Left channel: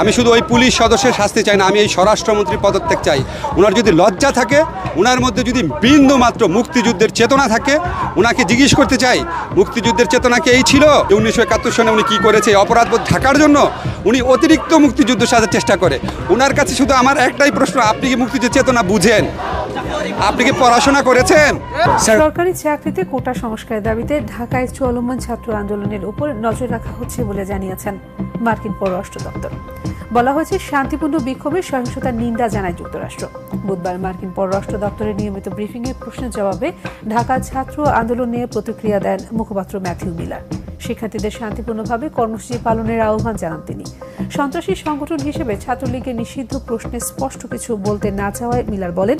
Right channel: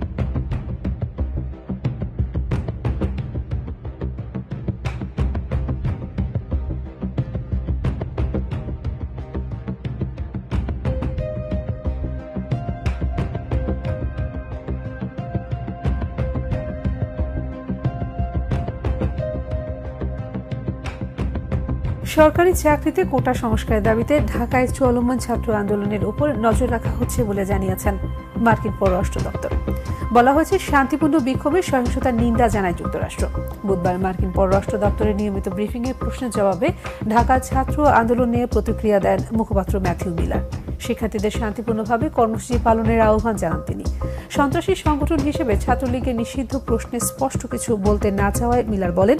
আমি শুধু ওই পুলিশ সদস্যের শাস্তি চাই না, আমি এই স্বরাষ্ট্রমন্ত্রীর পদত্যাগ চাই। ওনার যদি লজ্জা থাকে, ওনার মধ্যে যদি বিন্দু মাত্র মুক্তিযুদ্ধের চেতনা থাকে, ওনাকে জিজ্ঞেস করতে চাই মুক্তিযুদ্ধের চেতনা কি এই ছিল যে 1971 সনে উনি কী করেছে? অপরাধবোধ থাকার জন্য উনি অতিরিক্ত মুক্তিযুদ্ধ সাজার চেষ্টা করে। ওনার কাছে শুধু আমার একটাই প্রশ্ন, আপনি কি মুক্তিযুদ্ধের চেতনা বুঝেন? আপনি কি পড়াশোনা করেছেন? সরকারি চাকরিতে কোটা সংস্কারের দাবিতে ঢাকায় চলমান ছাত্র আন্দোলনের উপর নজর রাখা হচ্ছে বলে জানিয়েছেন মার্কিন পররাষ্ট্র দপ্তর। বলা হয়েছে, শান্তিপূর্ণ বিক্ষোভে সহিংসতার নিন্দা জানায় যুক্তরাষ্ট্র। বুধবার মার্কিন পররাষ্ট্র দপ্তরের নিয়মিত ব্রিফিংয়ে প্রশ্নের জবাবে ঢাকা ছাত্র আন্দোলন নিয়ে প্রতিক্রিয়া দেন মুখপাত্র ম্যাথিউ মিলার। শিক্ষার্থীদের শান্তিপূর্ণভাবে কর্মসূচি পালনের আহ্বান জানান তিনি। সন্ত্রাসী সংগঠন হিসেবে ছাত্রলীগের নিষিদ্ধ প্রশ্নে স্পষ্ট কিছু বলতে না চাওয়ায় মিলার বলেন,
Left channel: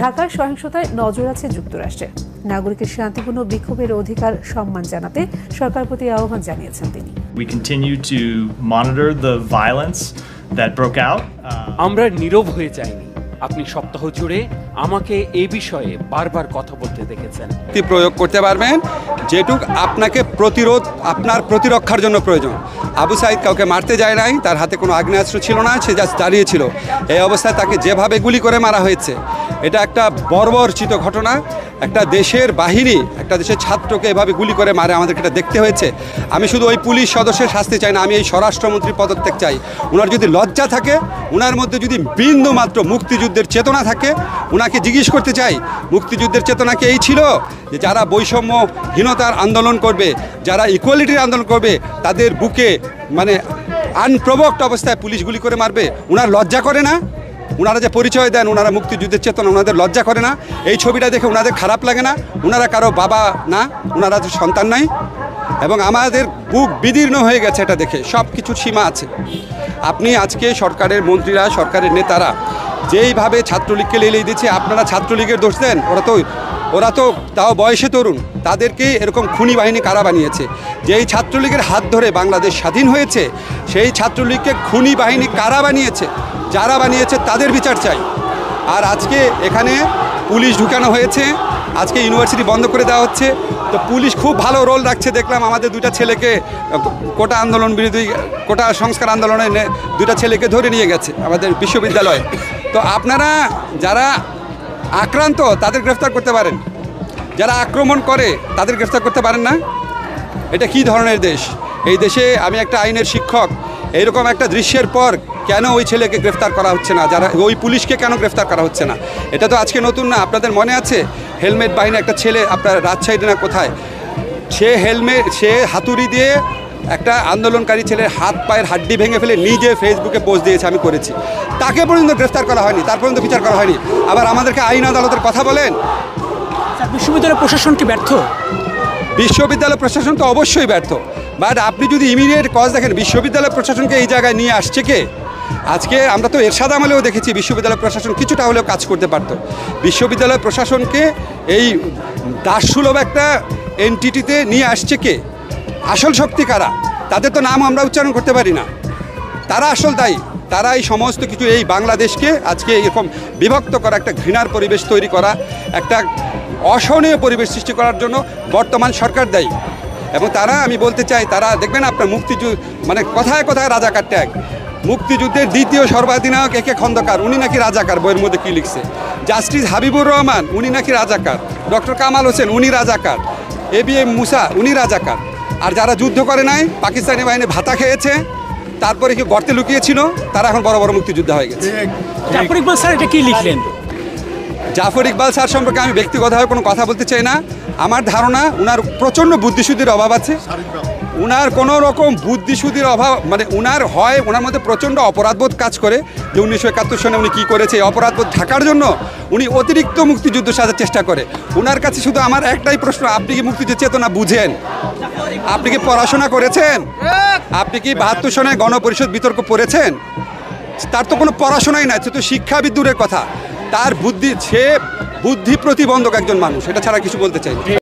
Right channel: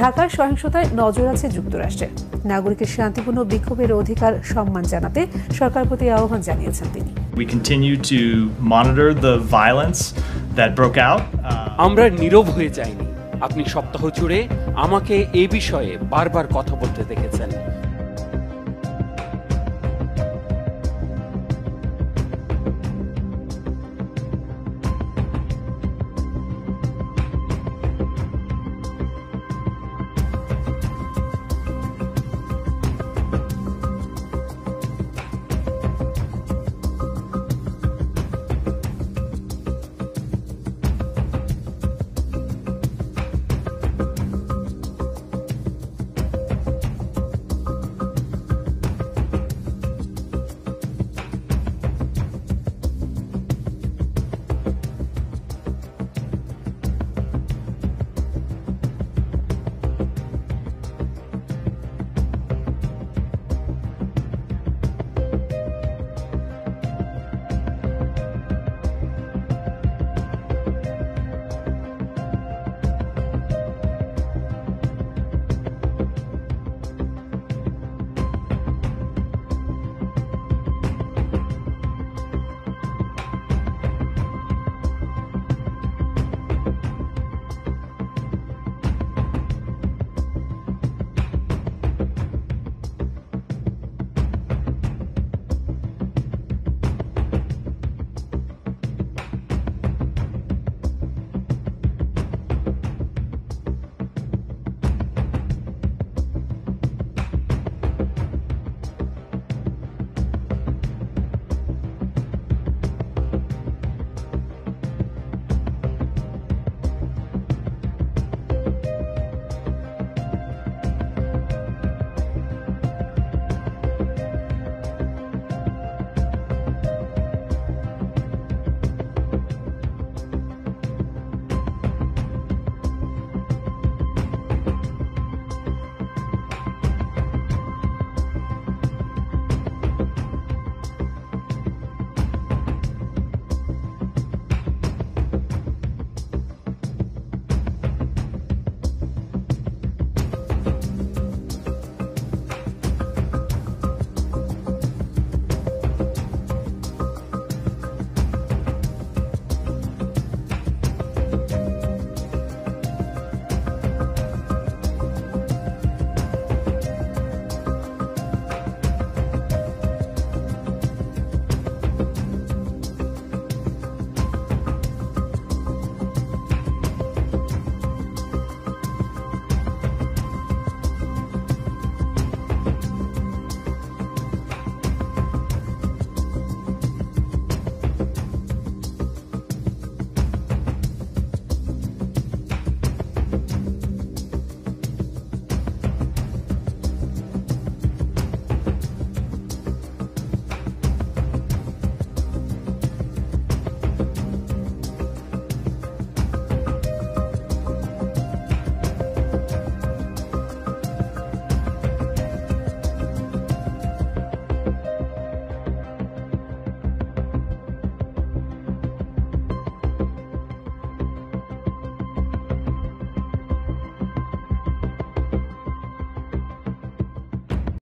ঢাকার সহিংসতায় নজর আছে যুক্তরাষ্ট্রের। নাগরিকের শান্তিপূর্ণ বিক্ষোভের অধিকার সম্মান জানাতে সরকার প্রতি আহ্বান জানিয়েছেন তিনি। We continue to monitor the violence that broke out. আমরা নীরব হয়ে যাইনি। আপনি সপ্তাহ জুড়ে আমাকে এই বিষয়ে বারবার কথা বলতে দেখেছেন। প্রয়োগ করতে পারবেন যেটুক আপনাকে আপনার প্রতিরক্ষার জন্য প্রয়োজন। আবু সাইদ কাউকে মারতে যায় নাই, তার হাতে কোনো আগ্নেয়াস্ত্র ছিল না, সে জাস্ট দাঁড়িয়েছিল। এই অবস্থায় তাকে যেভাবে গুলি করে মারা হয়েছে, এটা একটা বর্বরচিত ঘটনা। একটা দেশের বাহিনী একটা দেশের ছাত্রকে এভাবে গুলি করে মারে, আমাদেরকে এটা দেখতে হয়েছে। আমি শুধু ওই পুলিশ সদস্যের শাস্তি চাই না, আমি এই স্বরাষ্ট্রমন্ত্রীর পদত্যাগ চাই। ওনার যদি লজ্জা থাকে, ওনার মধ্যে যদি বিন্দু মাত্র মুক্তিযুদ্ধের চেতনা থাকে, ওনাকে জিজ্ঞেস করতে চাই মুক্তিযুদ্ধের চেতনা কি এই ছিল যে যারা বৈষম্যহীনতার আন্দোলন করবে, যারা ইকুয়ালিটির আন্দোলন করবে, তাদের বুকে মানে আনপ্রভোকড অবস্থায় পুলিশ গুলি করে মারবে? ওনার লজ্জা করে না? ওনারা যে পরিচয় দেন ওনারা মুক্তিযুদ্ধের চেতনা, ওনাদের লজ্জা করে না? এই ছবিটা দেখে ওনাদের খারাপ লাগে না? ওনারা কারো বাবা না, ওনারা সন্তান নাই? এবং আমাদের বুক বিদীর্ণ হয়ে গেছে এটা দেখে। সব কিছুর সীমা আছে। আপনি আজকে সরকারের মন্ত্রীরা, সরকারের নেতারা যেইভাবে ছাত্রলীগকে লেলিয়ে দিচ্ছে, আপনারা ছাত্রলীগের দোষ দেন। ওরা তো তাও বয়সে তরুণ, তাদেরকে এরকম খুনি বাহিনী কারা বানিয়েছে? যেই ছাত্রলীগের হাত ধরে বাংলাদেশ স্বাধীন হয়েছে, সেই ছাত্রলীগকে খুনি বাহিনী কারা বানিয়েছে? যারা বানিয়েছে তাদের বিচার চাই। আর আজকে এখানে পুলিশ ঢুকানো হয়েছে, আজকে ইউনিভার্সিটি বন্ধ করে দেওয়া হচ্ছে। তো পুলিশ খুব ভালো রোল রাখছে। দেখলাম আমাদের দুইটা ছেলেকে কোটা আন্দোলন বিরোধী, কোটা সংস্কার আন্দোলনে দুইটা ছেলেকে ধরে নিয়ে গেছে আমাদের বিশ্ববিদ্যালয়ে। তো আপনারা যারা আক্রান্ত তাদের গ্রেফতার করতে পারেন, যারা আক্রমণ করে তাদের গ্রেফতার করতে পারেন না? এটা কি ধরনের দেশ? এই দেশে আমি একটা আইনের শিক্ষক, এইরকম একটা দৃশ্যের পর কেন ওই ছেলেকে গ্রেফতার করা হচ্ছে না? যারা ওই পুলিশকে কেন গ্রেফতার করা হচ্ছে না? এটা তো আজকে নতুন না। আপনাদের মনে আছে হেলমেট বাহিনী একটা ছেলে, আপনার রাজশাহীতে না কোথায়, সে হাতুড়ি দিয়ে একটা আন্দোলনকারী ছেলের হাত পায়ের হাড্ডি ভেঙে ফেলে নিজে ফেসবুকে পোস্ট দিয়েছে, আমি করেছি। তাকে পর্যন্ত গ্রেফতার করা হয়নি, তার পর্যন্ত বিচার করা হয়নি। আবার আমাদেরকে আইন আদালতের কথা বলেন। বিশ্ববিদ্যালয় প্রশাসন কি ব্যর্থ? বিশ্ববিদ্যালয় প্রশাসন তো অবশ্যই ব্যর্থ। বাট আপনি যদি ইমিডিয়েট কজ দেখেন, বিশ্ববিদ্যালয় প্রশাসনকে এই জায়গায় নিয়ে আসছে কে? আজকে আমরা তো এরশাদ আমলেও দেখেছি বিশ্ববিদ্যালয় প্রশাসন কিছুটা হলেও কাজ করতে পারত। বিশ্ববিদ্যালয় প্রশাসনকে এই দাসসুলভ একটা এন্টিটিতে নিয়ে আসছে কে? আসল শক্তি কারা? তাদের তো নাম আমরা উচ্চারণ করতে পারি না। তারা আসল দায়ী। তারা এই সমস্ত কিছু, এই বাংলাদেশকে আজকে এরকম বিভক্ত করা, একটা ঘৃণার পরিবেশ তৈরি করা, একটা অসহনীয় পরিবেশ সৃষ্টি করার জন্য বর্তমান সরকার দায়ী। এবং তারা, আমি বলতে চাই, তারা দেখবেন আপনার মানে কথায় কথায় রাজাকার ট্যাগ। মুক্তিযুদ্ধের দ্বিতীয় সর্বাধিনায়ক একে খন্দকার, উনি নাকি রাজাকার। বইয়ের মধ্যে কী লিখছে? জাস্টিস হাবিবুর রহমান, উনি নাকি রাজাকার। ডক্টর কামাল হোসেন, উনি রাজাকার। ABM মুসা, উনি রাজাকার। আর যারা যুদ্ধ করে নাই, পাকিস্তানি বাহিনী ভাতা খেয়েছে, তারপরে কি গর্তে লুকিয়েছিল, তারা এখন বড় বড় মুক্তিযোদ্ধা হয়ে গেছে। জাফর ইকবাল স্যার এটা কি লিখলেন? জাফর ইকবাল স্যার সম্পর্কে আমি ব্যক্তিগতভাবে কোনো কথা বলতে চাই না। আমার ধারণা ওনার প্রচণ্ড বুদ্ধিশুদ্ধির অভাব আছে। ওনার কোনো রকম বুদ্ধিশুদ্ধির অভাব, মানে ওনার মধ্যে প্রচণ্ড অপরাধবোধ কাজ করে যে 1971 সনে উনি কী করেছে। এই অপরাধবোধ থাকার জন্য উনি অতিরিক্ত মুক্তিযুদ্ধ সাজার চেষ্টা করে। ওনার কাছে শুধু আমার একটাই প্রশ্ন, আপনি কি মুক্তিযুদ্ধের চেতনা বুঝেন? আপনি কি পড়াশোনা করেছেন? আপনি কি 72 সনে গণপরিষদ বিতর্ক পড়েছেন? তার তো কোনো পড়াশোনাই নাই, সে তো শিক্ষাবিদ দূরের কথা। তার বুদ্ধি, সে বুদ্ধি প্রতিবন্ধক একজন মানুষ, এটা ছাড়া কিছু বলতে চাই।